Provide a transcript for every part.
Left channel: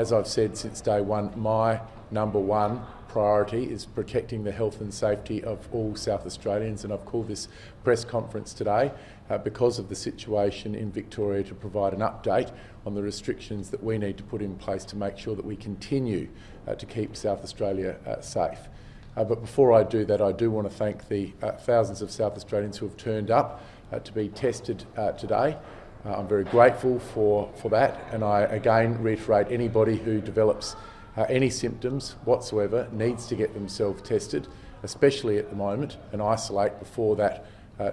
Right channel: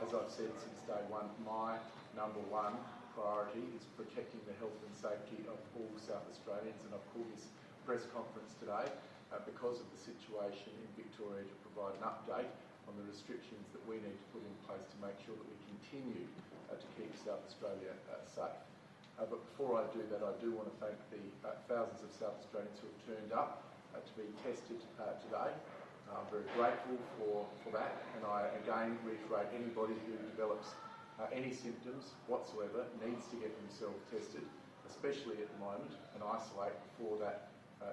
as I've said since day one, my number one priority is protecting the health and safety of all South Australians, and I've called this press conference today because of the situation in Victoria to provide an update on the restrictions that we need to put in place to make sure that we continue to keep South Australia safe. But before I do that, I do want to thank the thousands of South Australians who have turned up to be tested today. I'm very grateful for that, and I again reiterate anybody who develops any symptoms whatsoever needs to get themselves tested, especially at the moment, and isolate before that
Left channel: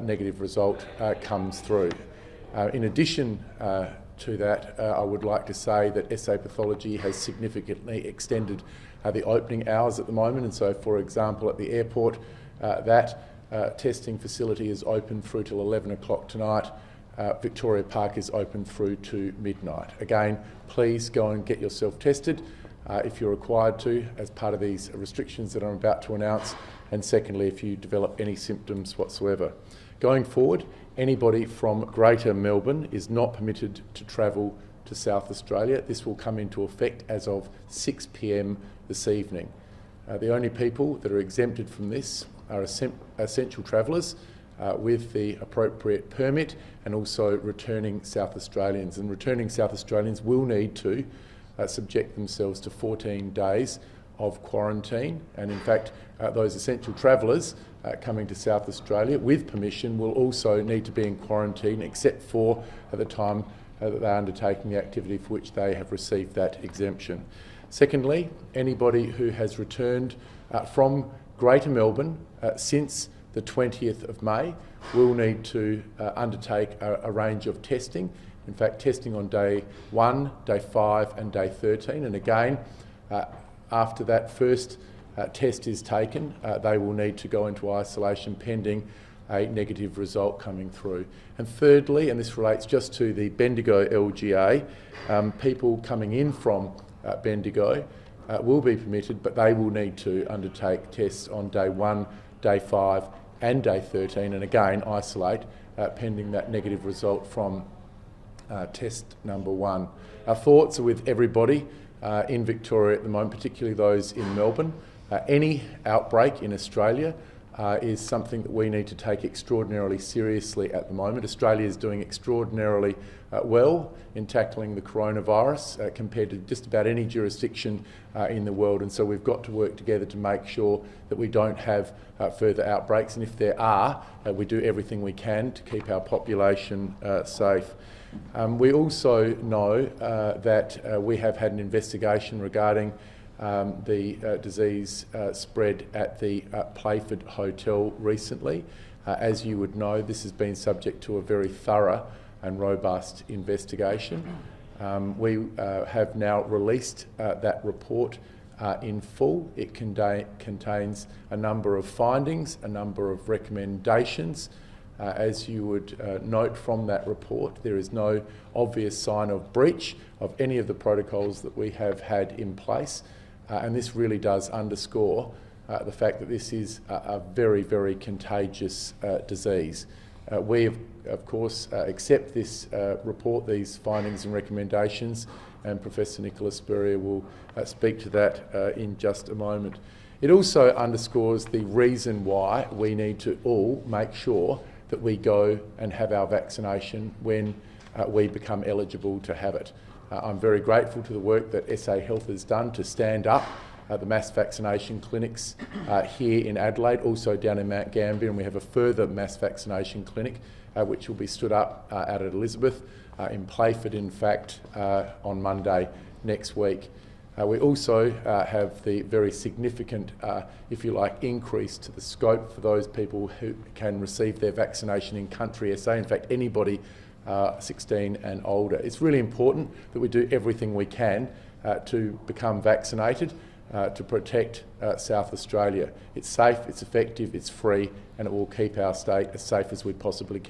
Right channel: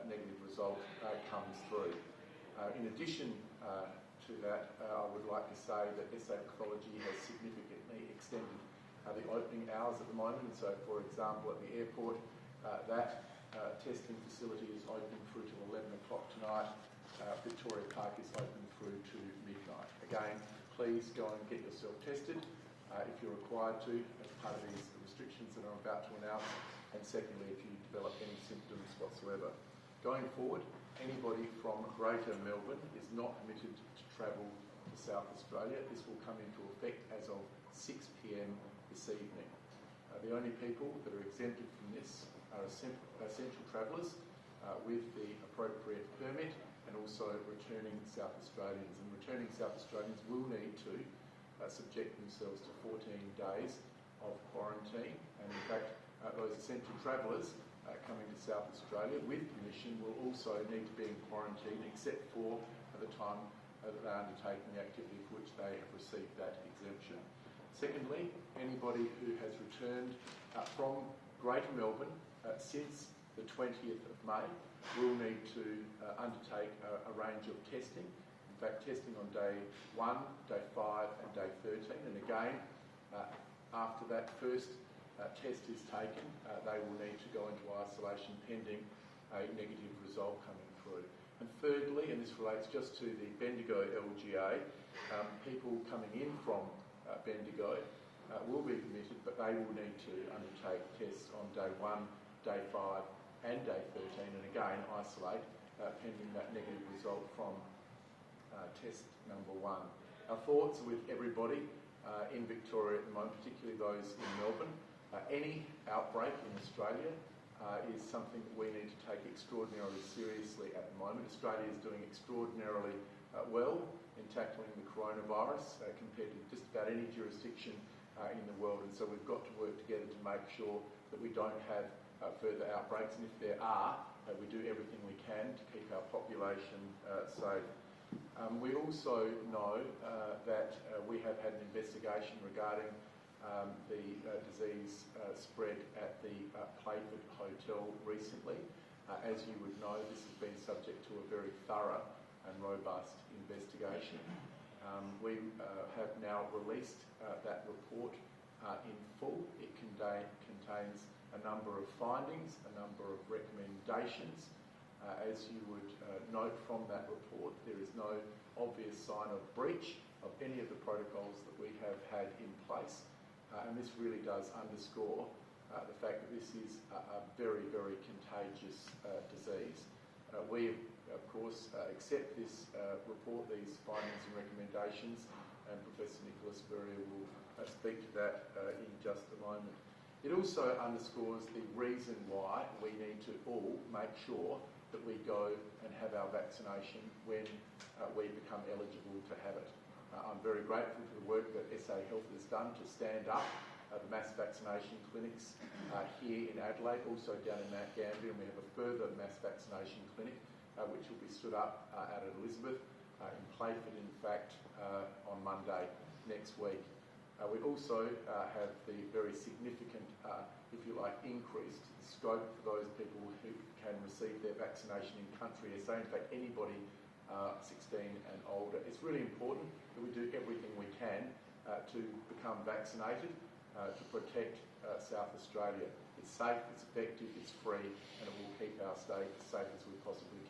negative result comes through. In addition to that, I would like to say that SA Pathology has significantly extended the opening hours at the moment, and so, for example, at the airport, that testing facility is open through till 11 o'clock tonight. Victoria Park is open through to midnight. Again, please go and get yourself tested if you're required to as part of these restrictions that I'm about to announce, and secondly, if you develop any symptoms whatsoever. Going forward, anybody from Greater Melbourne is not permitted to travel to South Australia. This will come into effect as of 6 p.m. this evening. The only people that are exempted from this are essential travellers with the appropriate permit, and also returning South Australians. And returning South Australians will need to subject themselves to 14 days of quarantine, and in fact those essential travellers coming to South Australia with permission will also need to be in quarantine, except for at the time that they are undertaking the activity for which they have received that exemption. Secondly, anybody who has returned from Greater Melbourne since the 20th of May will need to undertake a range of testing. In fact, testing on day 1, day 5 and day 13, and again, after that first test is taken, they will need to go into isolation pending a negative result coming through. And thirdly, and this relates just to the Bendigo LGA, people coming in from Bendigo will be permitted, but they will need to undertake tests on day 1, day 5 and day 13, and again isolate pending that negative result from test number 1. Our thoughts are with everybody in Victoria at the moment, particularly those in Melbourne. Any outbreak in Australia is something that we need to take extraordinarily seriously at the moment. Australia is doing extraordinarily well in tackling the coronavirus compared to just about any jurisdiction in the world, and so we've got to work together to make sure that we don't have further outbreaks, and if there are, we do everything we can to keep our population safe. We also know that we have had an investigation regarding the disease spread at the Playford Hotel recently. As you would know, this has been subject to a very thorough and robust investigation. We have now released that report in full. It contains a number of findings, a number of recommendations. As you would note from that report, there is no obvious sign of breach of any of the protocols that we have had in place, and this really does underscore the fact that this is a very, very contagious disease. We, of course, accept this report, these findings and recommendations, and Professor Nicola Spurrier will speak to that in just a moment. It also underscores the reason why we need to all make sure that we go and have our vaccination when we become eligible to have it. I'm very grateful to the work that SA Health has done to stand up the mass vaccination clinics here in Adelaide, also down in Mount Gambier, and we have a further mass vaccination clinic which will be stood up out at Elizabeth, in Playford in fact, on Monday next week. We also have the very significant, if you like, increase to the scope for those people who can receive their vaccination in country SA. In fact, anybody 16 and older. It's really important that we do everything we can to become vaccinated to protect South Australia. It's safe, it's effective, it's free, and it will keep our state as safe as we possibly can.